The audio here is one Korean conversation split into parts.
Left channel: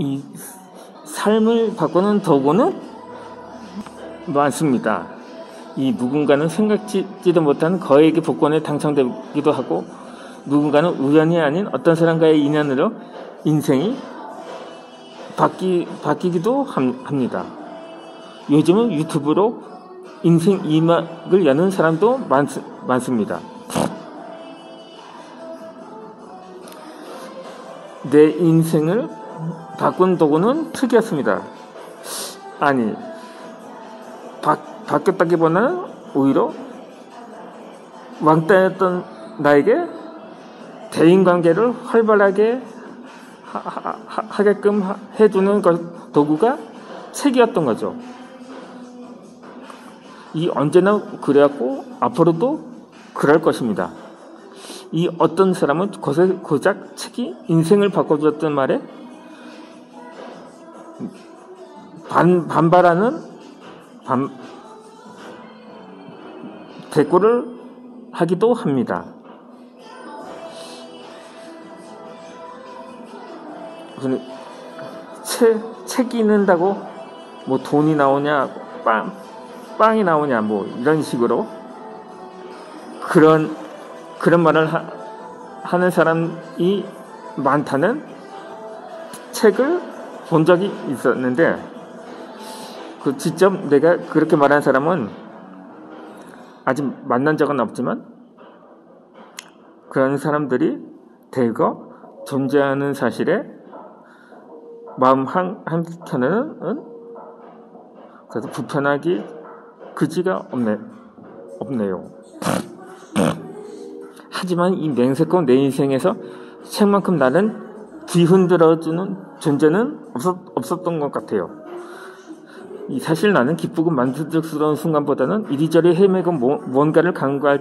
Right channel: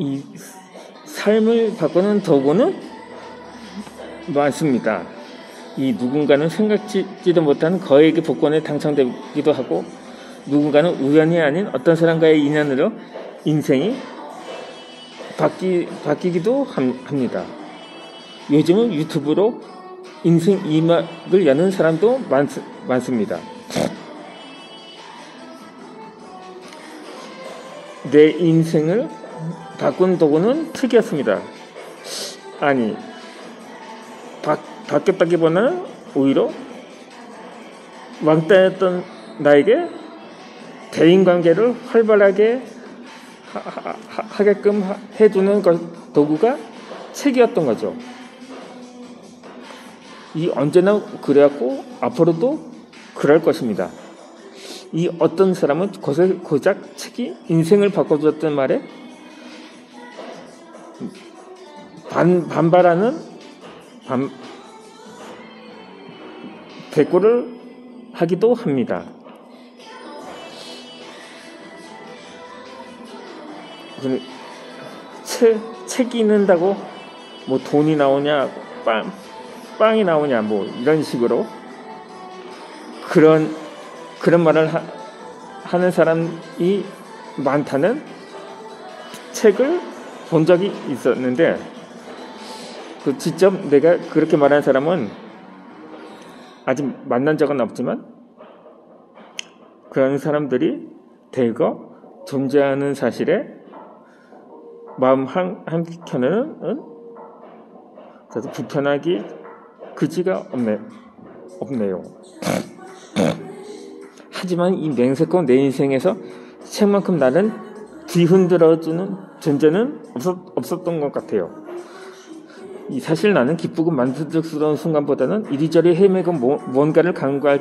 이 삶을 바꾸는 도구는 많습니다. 이 누군가는 생각지도 못한 거액의 복권에 당첨되기도 하고, 누군가는 우연이 아닌 어떤 사람과의 인연으로 인생이 바뀌기도 합니다. 요즘은 유튜브로 인생 2막을 여는 사람도 많습니다. 내 인생을 바꾼 도구는 특이했습니다. 아니, 바뀌었다기보다는 오히려 왕따였던 나에게 대인관계를 활발하게 하게끔 해주는 도구가 책이었던 거죠. 이 언제나 그래왔고 앞으로도 그럴 것입니다. 이 어떤 사람은 고작 책이 인생을 바꿔주었던 말에 반발하는 대꾸를 하기도 합니다. 책이 있는다고 뭐 돈이 나오냐, 빵이 나오냐, 뭐 이런 식으로 그런 말을 하는 사람이 많다는 책을 본 적이 있었는데, 그 직접 내가 그렇게 말한 사람은 아직 만난 적은 없지만 그런 사람들이 대거 존재하는 사실에 마음 한켠에는 그래도 불편하기 그지가 없네요. 하지만 이 맹세코 내 인생에서 책만큼 나를 뒤흔들어주는 존재는 없었던 것 같아요. 사실 나는 기쁘고 만족스러운 순간보다는 이리저리 헤매고 뭔가를 간과할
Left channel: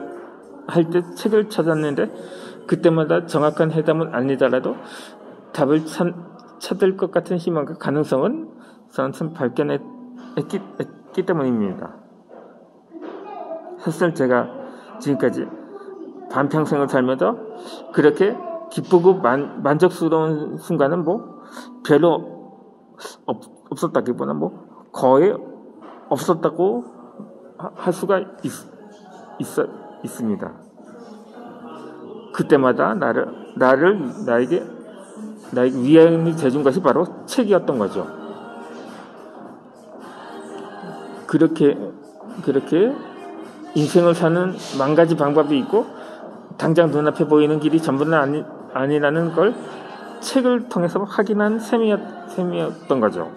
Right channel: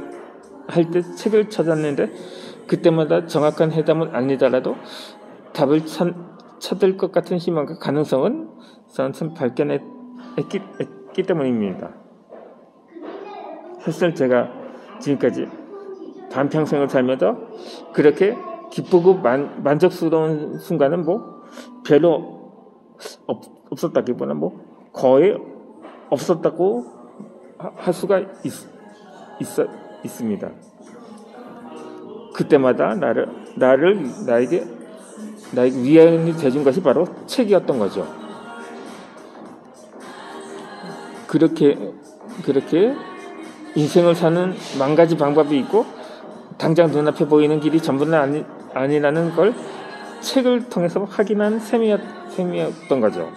때 책을 찾았는데, 그때마다 정확한 해답은 아니더라도 답을 찾을 것 같은 희망과 가능성은 저는 발견했기 때문입니다. 사실 제가 지금까지 반평생을 살면서 그렇게 기쁘고 만족스러운 순간은 뭐 별로 없었다기보다 뭐 거의 없었다고 할 수가 있습니다. 그때마다 나에게 위안이 돼준 것이 바로 책이었던 거죠. 그렇게 인생을 사는 만 가지 방법이 있고, 당장 눈앞에 보이는 길이 전부는 아니라는 걸 책을 통해서 확인한 셈이었던 거죠.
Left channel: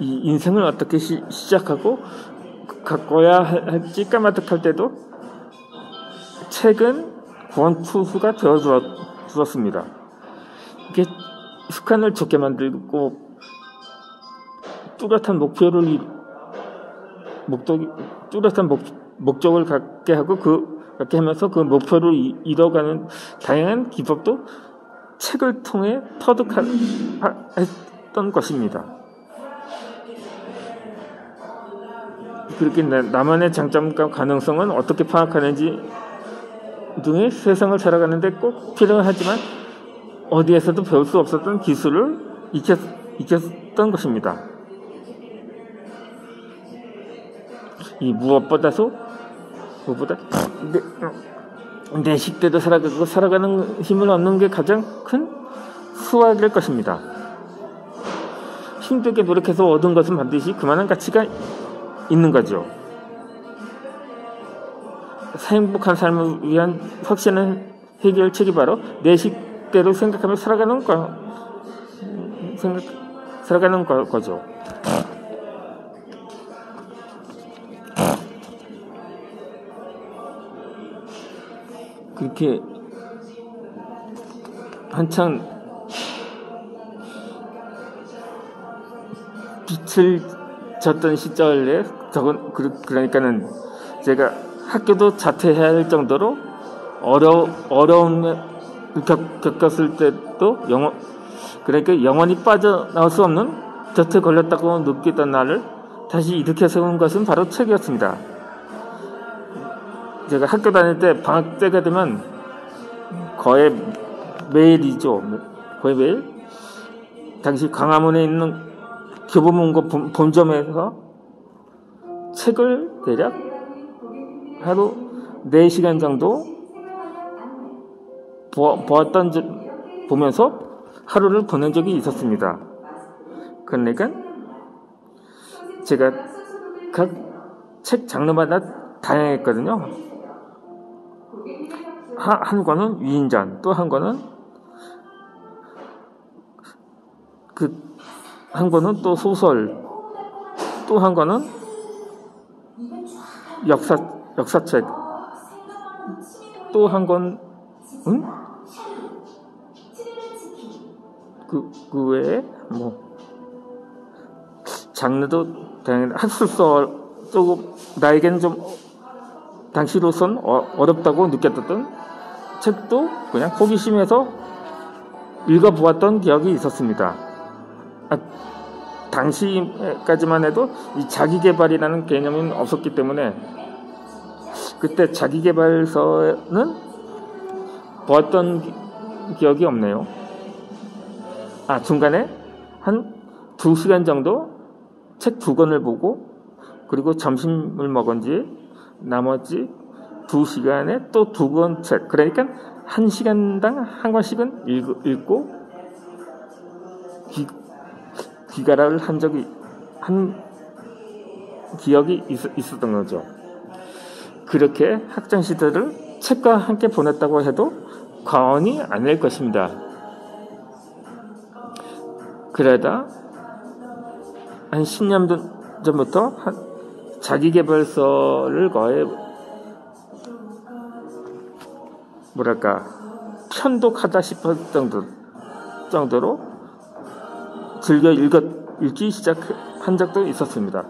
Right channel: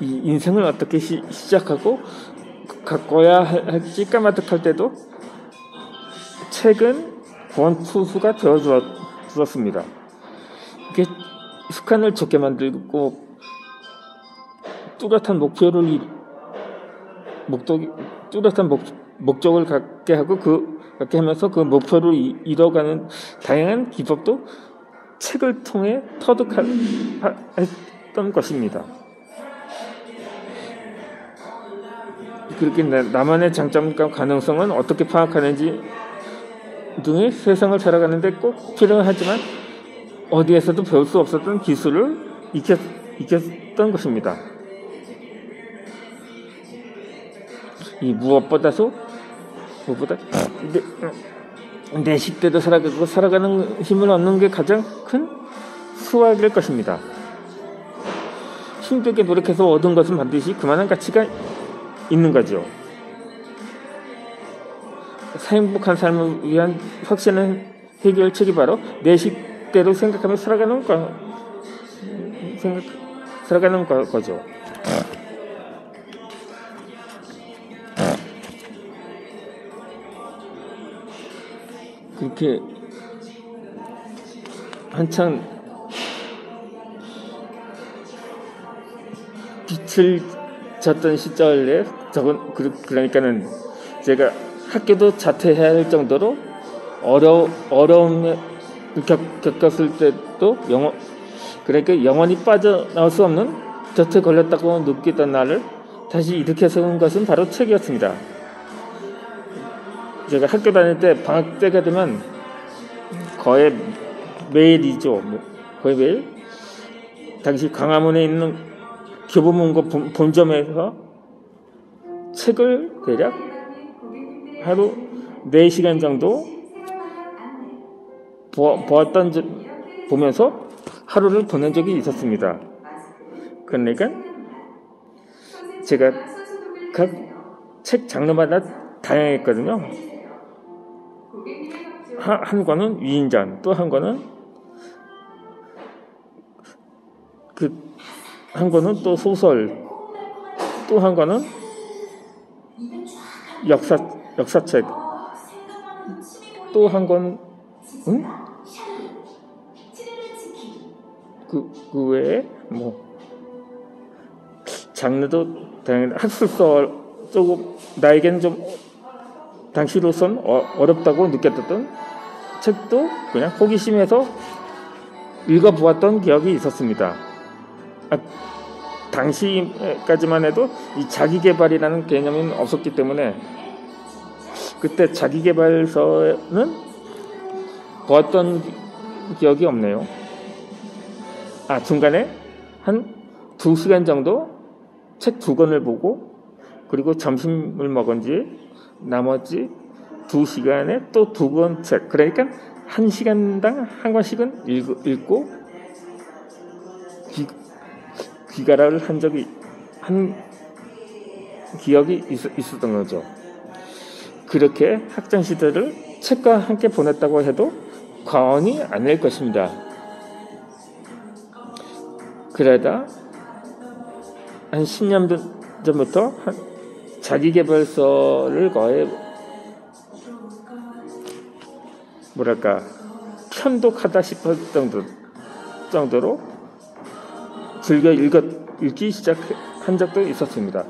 이 인생을 어떻게 시작하고 가꿔야 할지 까마득할 때도 책은 구원투수가 되어주었습니다. 이게 습관을 좋게 만들고 뚜렷한 목적을 갖게 하고 그렇게 하면서 그 목표를 이뤄가는 다양한 기법도 책을 통해 터득했던 것입니다. 그렇게 나만의 장점과 가능성은 어떻게 파악하는지 등의 세상을 살아가는데 꼭 필요하지만 어디에서도 배울 수 없었던 기술을 익혔던 것입니다. 이 무엇보다 내 식대로 살아가는 힘을 얻는 게 가장 큰 수확일 것입니다. 힘들게 노력해서 얻은 것은 반드시 그만한 가치가 있는 거죠. 행복한 삶을 위한 확실한 해결책이 바로 내 식대로 생각하며 살아가는 거죠. 그렇게 한창 빛을 졌던 시절에 그러니까는 제가 학교도 자퇴해야 할 정도로 어려움을 겪었을 때도 그러니까 영원히 빠져나올 수 없는 덫에 걸렸다고 느끼던 나를 다시 일으켜 세운 것은 바로 책이었습니다. 제가 학교 다닐 때 방학 때가 되면 거의 매일이죠. 거의 매일 당시 광화문에 있는 교보문고 본점에서 책을 대략 하루 4시간 정도 보면서 하루를 보낸 적이 있었습니다. 그러니까 제가 각 책 장르마다 다양했거든요. 한 권은 위인전, 또 한 권은 한 권은 또 소설, 또 한 권은 역사책, 또 한 권은 그 외에 장르도 다양한 학술서 조금 나에겐 좀 당시로선 어렵다고 느꼈던 책도 그냥 호기심에서 읽어보았던 기억이 있었습니다. 당시까지만 해도 이 자기계발이라는 개념은 없었기 때문에 그때 자기계발서는 보았던 기억이 없네요. 중간에 한 2시간 정도 책 2권을 보고 그리고 점심을 먹은 뒤에 나머지 2시간에 또 2권 책, 그러니까 1시간당 한 권씩은 읽고 귀가를 한 기억이 있었던 거죠. 그렇게 학창 시절을 책과 함께 보냈다고 해도 과언이 아닐 것입니다. 그러다 한 10년 전부터 자기계발서를 거의 편독하다 싶을 정도로 즐겨 읽기 시작한 적도 있었습니다.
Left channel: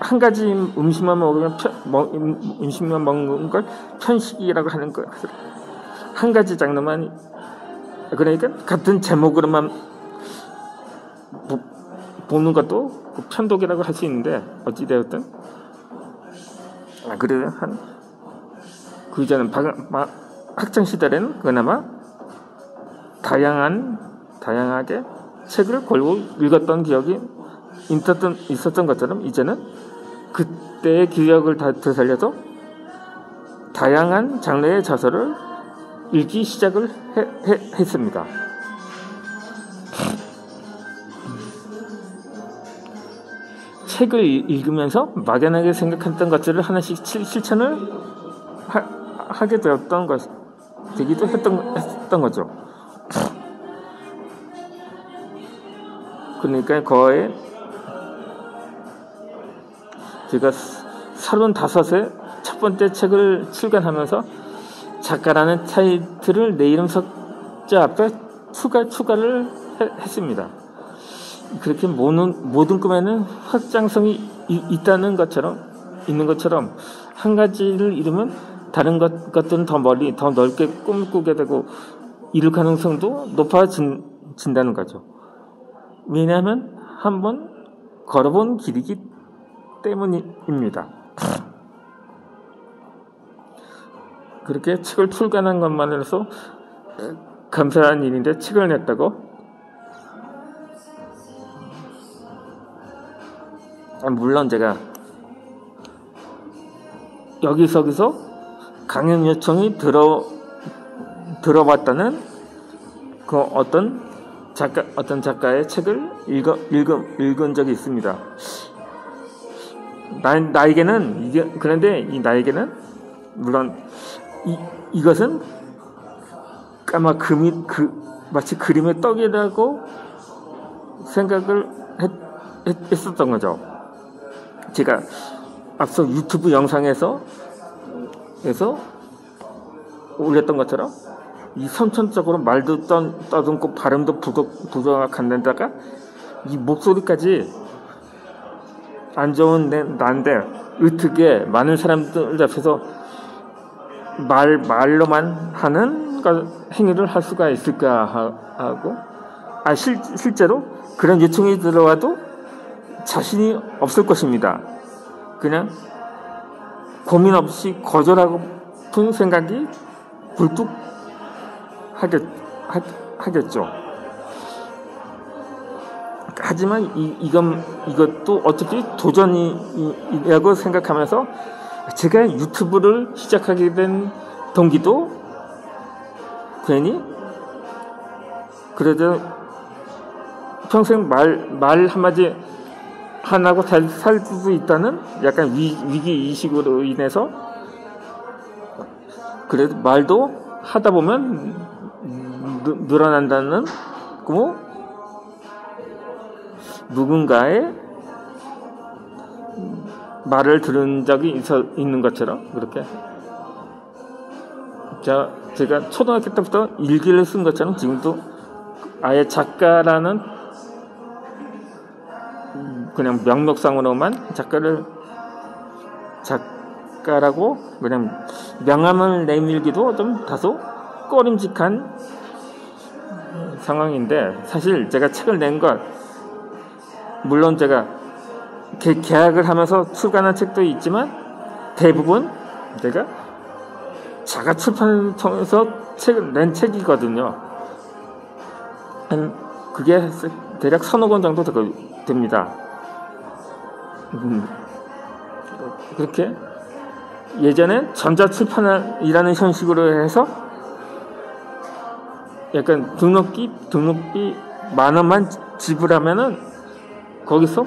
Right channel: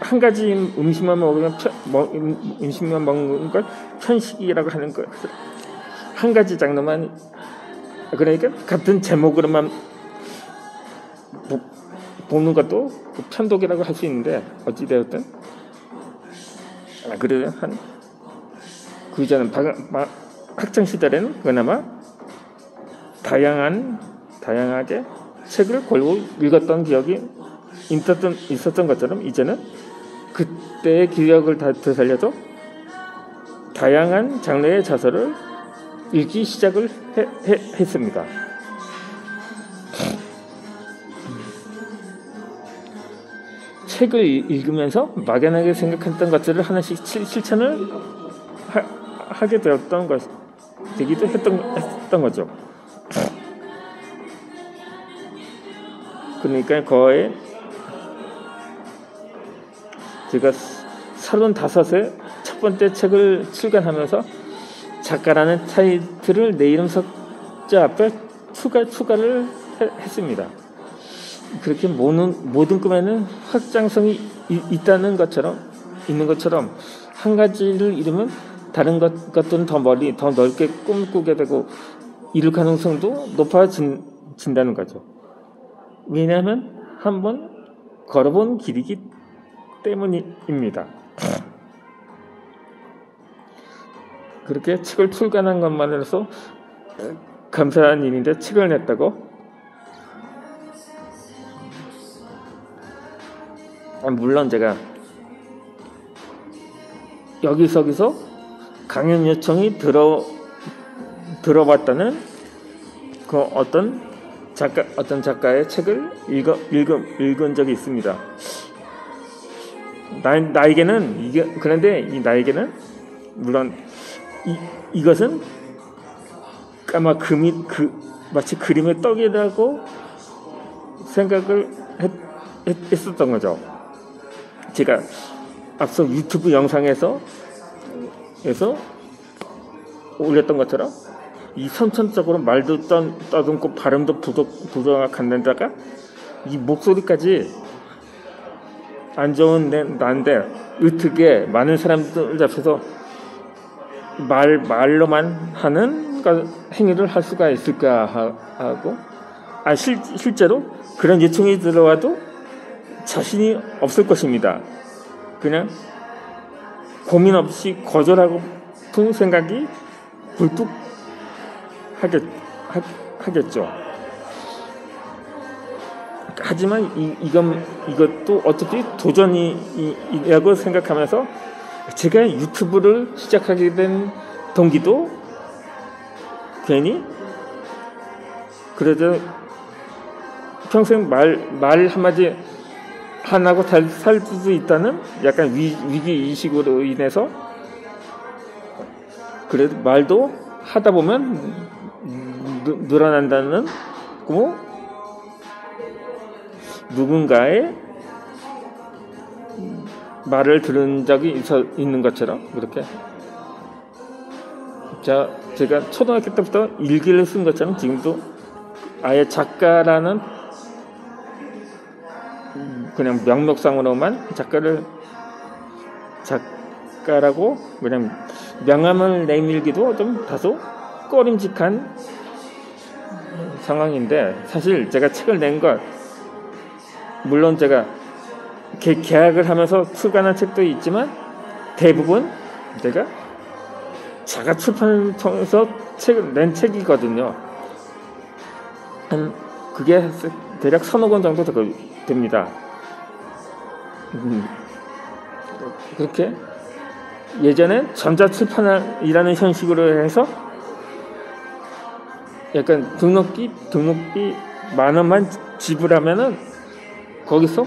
한 가지 음식만 먹는 걸 편식이라고 하는 거. 한 가지 장르만, 그러니까 같은 제목으로만 보는 것도 편독이라고 할 수 있는데, 어찌되었든 그래도 그 이전은 학창 시절에는 그나마 다양하게 책을 골고 읽었던 기억이 있었던 것처럼, 이제는 그때의 기억을 되살려서 다양한 장르의 저서를 읽기 시작을 했습니다. 책을 읽으면서 막연하게 생각했던 것들을 하나씩 실천을 하게 되기도 했던 거죠. 그러니까 거의 제가 35세 첫 번째 책을 출간하면서 작가라는 타이틀을 내 이름 숫자 앞에 추가를 했습니다. 그렇게 모든 꿈에는 확장성이 있는 것처럼 한 가지를 이루면 다른 것들은 더 멀리, 더 넓게 꿈꾸게 되고 이룰 가능성도 높아진다는 거죠. 왜냐하면 한번 걸어본 길이기 때문입니다. 그렇게 책을 출간한 것만으로서 감사한 일인데, 책을 냈다고 물론 제가 여기저기서 강연 요청이 들어봤다는 그 어떤 작가의 책을 읽은 적이 있습니다. 그런데 나에게는 물론 이것은 마치 그림의 떡이라고 생각을 했었던 거죠. 제가 앞서 유튜브 영상에서 올렸던 것처럼 이 선천적으로 말도 떠듬고 발음도 부족한데다가 이 목소리까지 안 좋은 난데 어떻게 많은 사람들 앞에서 말로만 하는 행위를 할 수가 있을까 하고, 실제로 그런 요청이 들어와도 자신이 없을 것입니다. 그냥 고민 없이 거절하고픈 생각이 굴뚝 하겠죠. 하지만 이것도 어차피 도전이라고 생각하면서 제가 유튜브를 시작하게 된 동기도 괜히 그래도 평생 말 한마디 안 하고 살 수도 있다는 약간 위기 의식으로 인해서 그래도 말도 하다 보면 늘어난다는 누군가의 말을 들은 적이 있는 것처럼 그렇게 제가 초등학교 때부터 일기를 쓴 것처럼 지금도 아예 작가라는 그냥 명목상으로만 작가라고 그냥 명함을 내밀기도 좀 다소 꺼림직한 상황인데 사실 제가 책을 낸 것 물론 제가 계약을 하면서 출간한 책도 있지만 대부분 제가 자가 출판을 통해서 낸 책이거든요. 그게 대략 1,000억 원 정도 됩니다. 그렇게 예전엔 전자출판이라는 형식으로 해서 약간 등록비 10,000원만 지불하면은 거기서